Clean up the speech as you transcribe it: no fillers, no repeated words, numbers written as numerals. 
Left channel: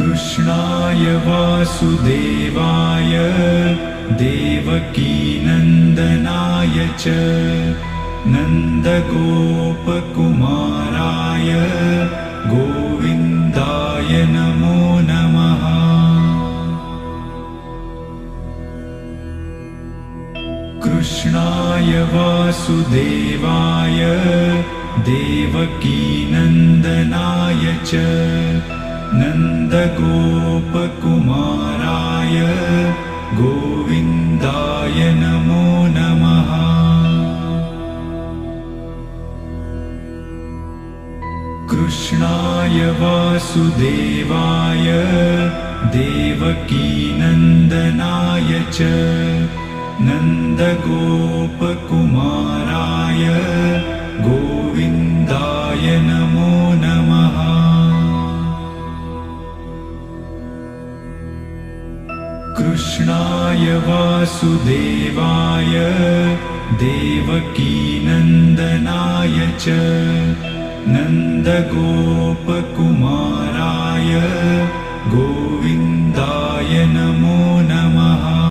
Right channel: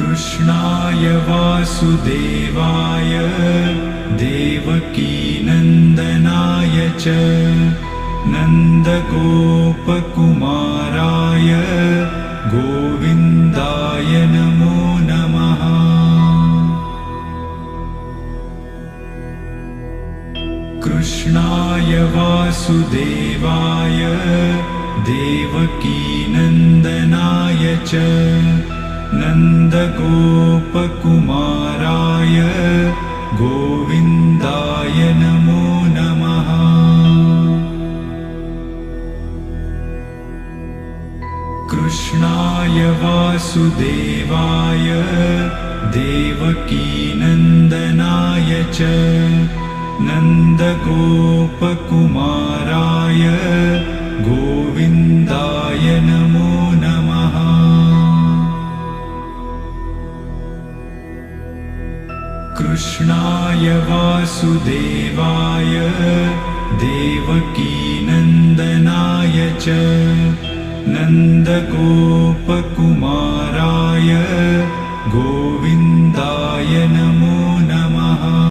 कृष्णाय वासुदेवाय देवकीनन्दनाय च नन्दगोपकुमाराय गोविन्दाय नमो नमः। कृष्णाय वासुदेवाय देवकीनन्दनाय च नन्दगोपकुमाराय गोविन्दाय नमो नमः। कृष्णाय वासुदेवाय देवकीनन्दनाय च नन्दगोपकुमाराय गोविन्दाय नमो नमः। कृष्णाय वासुदेवाय देवकीनन्दनाय च नन्दगोपकुमाराय